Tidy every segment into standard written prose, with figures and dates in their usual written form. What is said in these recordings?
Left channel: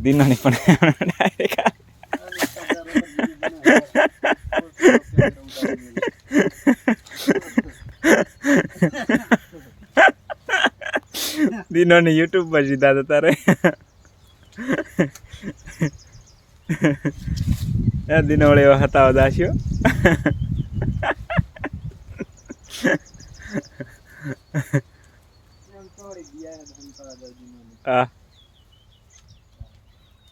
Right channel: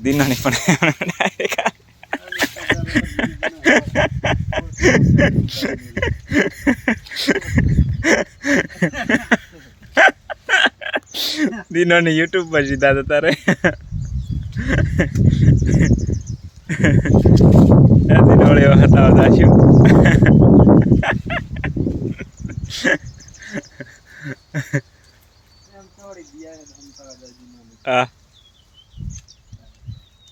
દિનાની પણ દિનોની યુટ્યુબ પર સીધા તો તારે દિનોળે એવા હતા દાસ્યો હા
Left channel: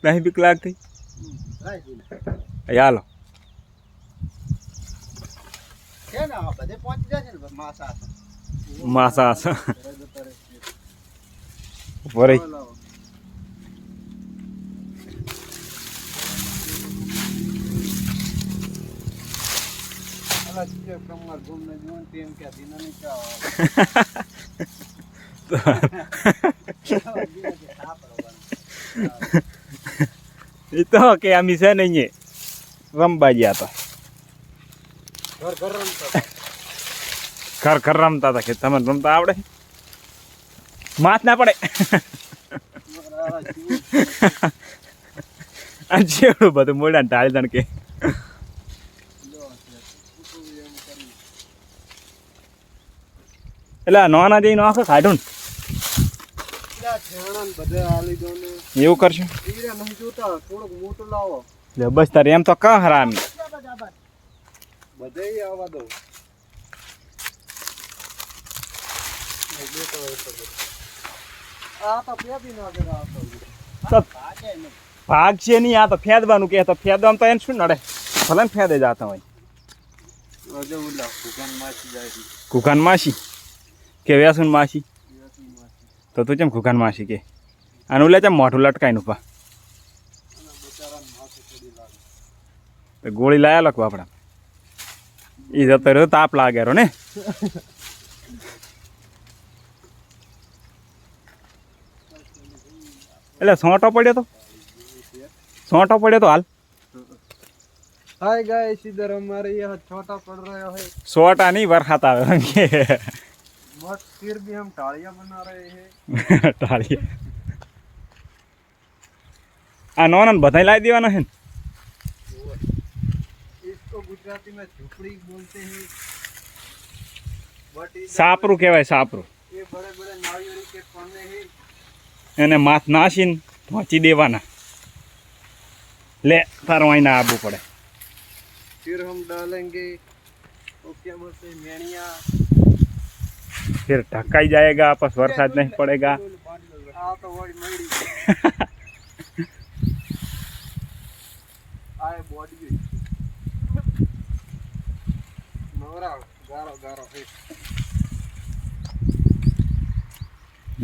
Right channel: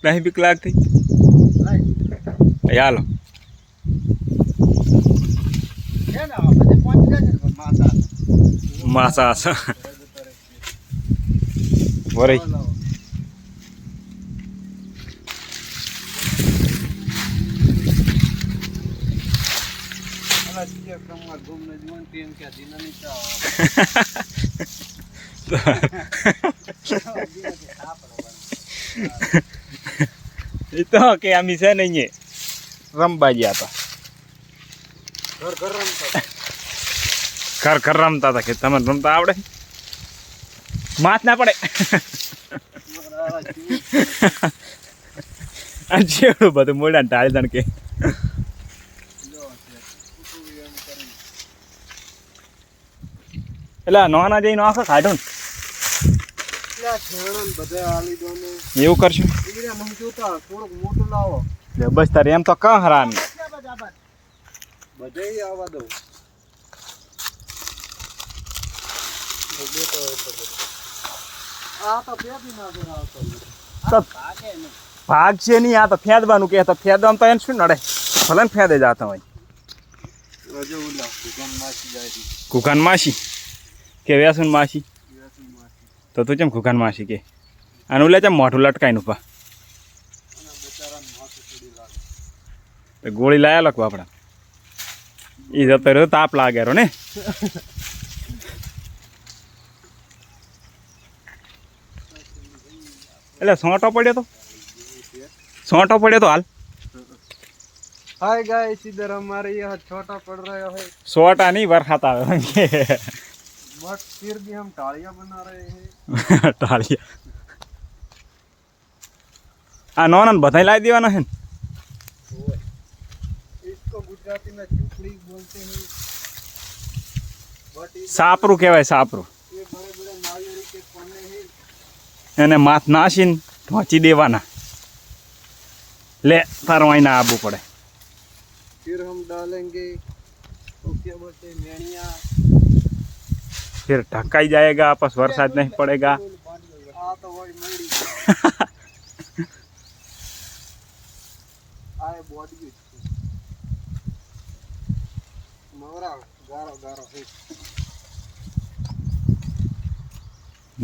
નહીં બીક લાગતી હાલો માસા વરી એ તો કે આમી છે નહીં રમવા ગયા હતા ઘર રમતા હતા કે તમે રમતા આવડે માથ ના પડે આ જેવડું બધું મોડા ને ટાળી દણ કે એટલે નોના જઈને આખો કાઢું એવું કરશું બસ તારે એમ તો કા હરામી ભાગ છે નહીં આ તો ફેદવાનું કે ફેદવાનું તો એને શું નડે ભલે ને ફેદે જતા હોય કુકાન માસી કે વ્યાસુન માસી તો તું કેમ કુકાન માસી કે આનું લે છે મોઢું લટકાઈને ઉપા ગોળી લાયા લખવા આપણા એ જતો રહ્યો તાપ લાગે ને એટલે સોંટો પડ્યો તો હાલ हाय गाइस इधर हमारे यहाँ छोटा पड़ रहा है सोटा नहीं बरसात आ बट फिर भी हम टालियां बना रहे हैं टालियां आ नॉन बधाई लाई देवाना है इसको गुजराती में झोपड़ी बोलते हैं बट सापरू कहवाय सापरू ये बड़े बड़े नारियल के पन्ने हैं એને માથ નાસીને ઢોંચી દેવાના લે તારો અહીં આબુ પડે फिर हम डालेंगे तो क्या बोलते हैं मेणिया फिर ढकाई जाएगा आपस वरसाद नहीं पड़ेगा तो वही मड़ी आए बॉडी नवरा गारो गारो है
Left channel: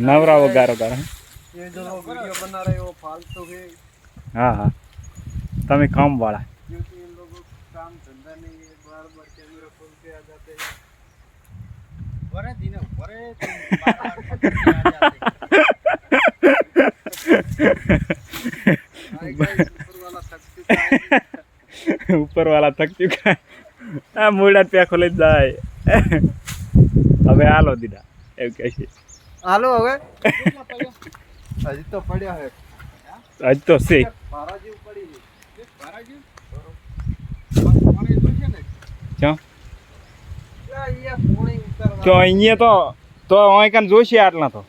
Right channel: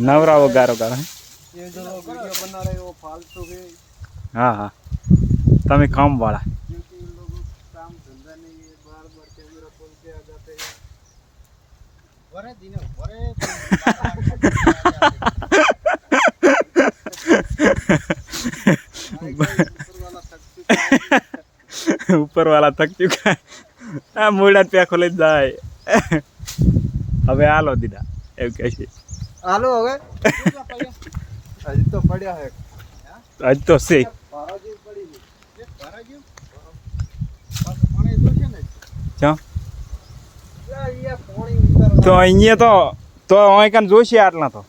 नवरा वो गारो गारो है ये जो लोग वीडियो बना रहे हो फालतू है हाँ हाँ तमें काम वाला क्योंकि इन लोगों को काम धंधा नहीं है बार बार कैमरा खोलते आ जाते हैं बड़े दिन बड़े ऊपर वाला थक चुका है आ मोड़ा पे खोले जाए अबे आलो दीदा एव कैसे हालो હવે હજી તો પડ્યા હે आज तो से પારાજી પડી છે પારાજી પાણી જોશે ને ક્યાં અહીંયા પાણી ઉતર તો અહીંયા તો અહીં કાન જોશે આટલા તો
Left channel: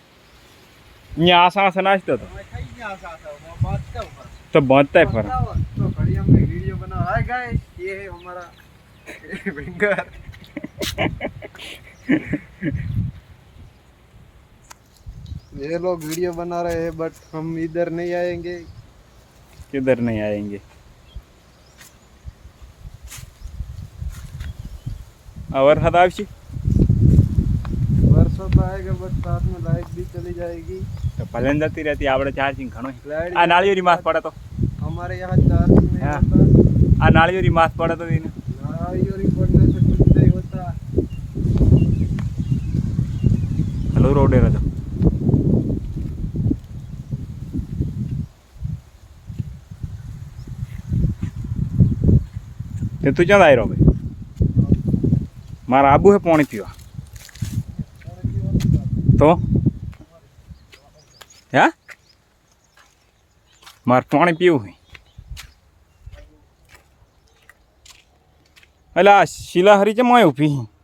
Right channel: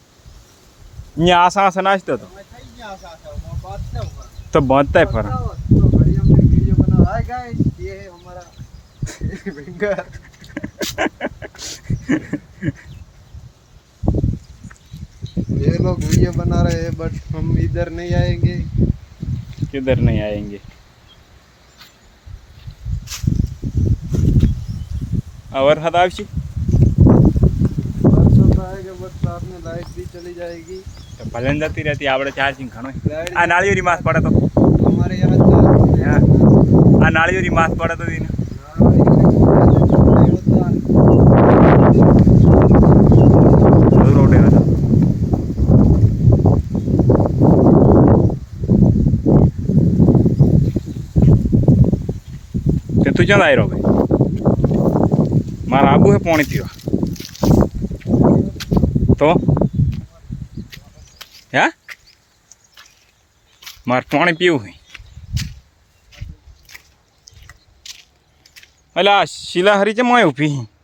અહીંયા આસા આસા નાચતો તો થઈ ગયા આસા બાત क्या ऊपर तो बांधता है पर तो बढ़िया में वीडियो बना हाय गाइस ये है हमारा विंगर ये लोग वीडियो बना रहे हैं बट हम इधर नहीं आएंगे किधर नहीं आएंगे और हदावशी बरसों तो आएगा बट साथ में लाइट भी चली जाएगी तो भलन जाती रहती आवड़े चार्जिंग घणो आ नाळियोरी मास पड़े तो हमारे यहाँ आ नाळियोरी मास पड़े तो दिन रोडे रहता ते तू क्यों आई रहो भाई मारा आबू है पानी पीवा तो क्या મારે પાણી પીવું હોય એટલે આ શિલાહરી છે મોય ઊભી